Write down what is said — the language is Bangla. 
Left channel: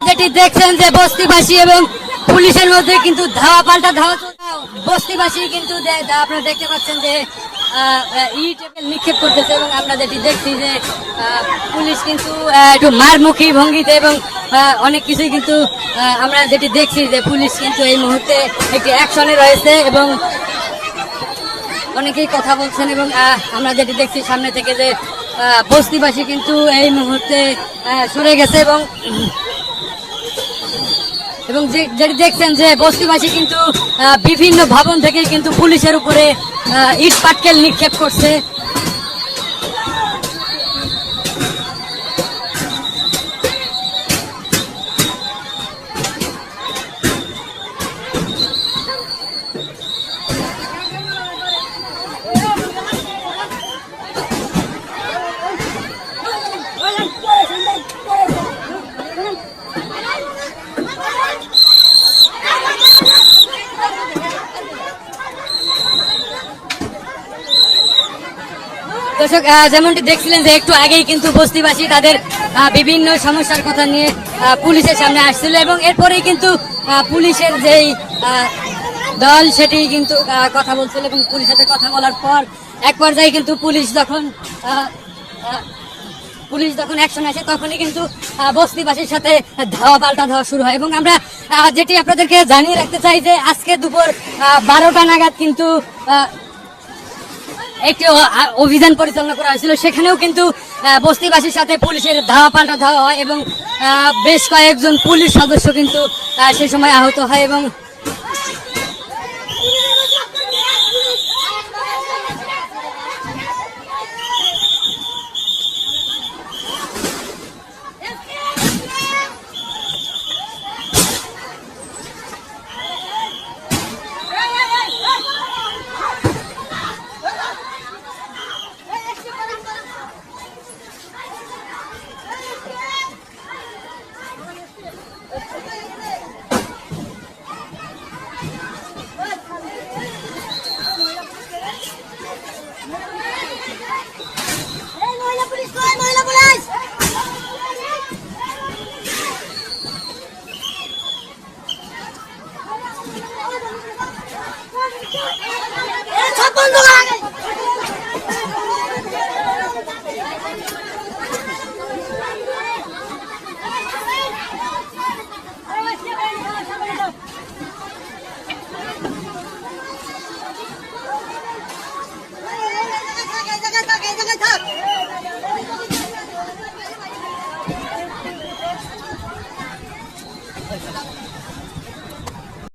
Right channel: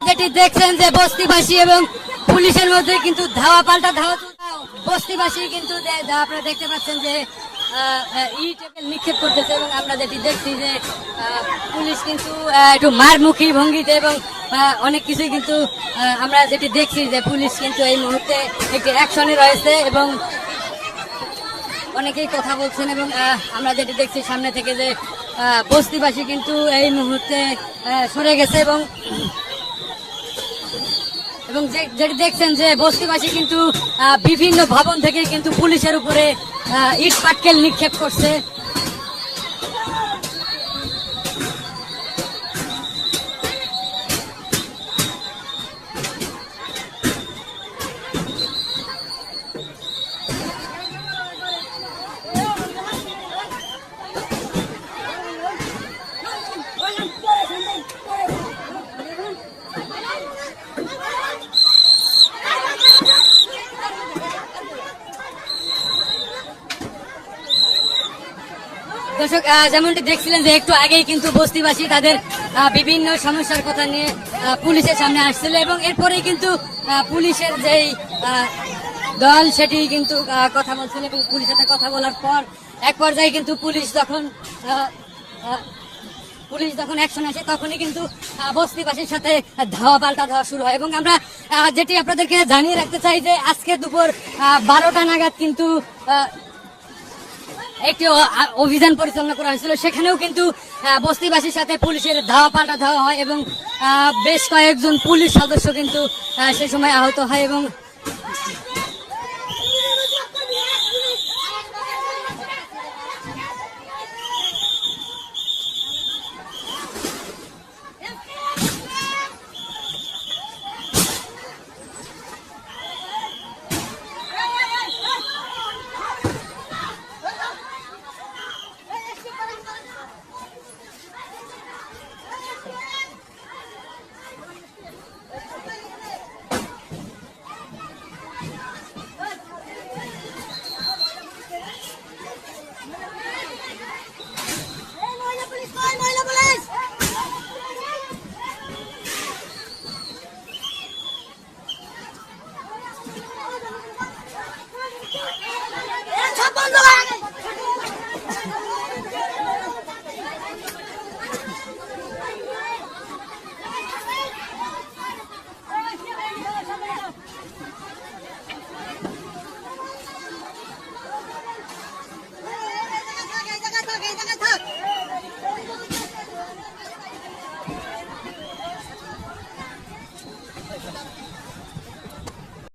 যেটি দেখছেন যে বস্তিবাসী এবং পুলিশের মধ্যে কিন্তু ধাওয়া পাল্টা ধাওয়া বস্তিবাসী কিন্তু আপনারা দেখতে পাচ্ছেন যে ইট নিক্ষেপ করতেছে এবং আমরা যেটি দেখছি যে পুলিশ কিন্তু একটু মারমুখী ভঙ্গিতে এবং অনেক কিছুই কিন্তু আমরা যেটি দেখছি যে পুলিশ কিন্তু এই মুহূর্তে একটি অ্যাকশনে রয়েছে এবং অনেকেই কথা বলছেন এবং আমরা যেটি দেখছি সামনে থেকে যে বস্তিবাসী কিন্তু এই মুহূর্তে সরে গেছে এবং যেটি দেখছেন যে বস্তিবাসী কিন্তু বিভিন্ন ভবন থেকে কিন্তু পুলিশের উপরে ইট পাটকেল নিক্ষেপ করছে। দর্শক যেমনটি দেখছিলেন যে একটু আগেই কিন্তু বস্তিবাসী তাদের বিভিন্ন সমস্যার কথা নিয়ে পুলিশের সামনে আসছিল এবং এরপরেই কিন্তু পুলিশের যেই দল সেটি কিন্তু কথা বলছিল এবং পুলিশের সাথে কথা বলার পর এক পর্যায়ে কিন্তু পুলিশ যখন অ্যাকশন আসে তখনই কিন্তু বস্তিবাসীর সাথে ধাওয়া পাল্টা ধাওয়া শুরু হয় এবং আমরা যেটি আপনাদেরকে জানিয়ে রাখতে চাই যে আজকে দুপুর 12টা নাগাদ কিন্তু একটি অভিযান পরিচালনা করা হয়েছিল, সেখানেও কিন্তু বস্তিবাসীর সাথে পুলিশের ধাওয়া পাল্টা ধাওয়া হয় এবং বেশ কয়েকজন পুলিশ সদস্য কিন্তু সে সময় আহত হয় এবং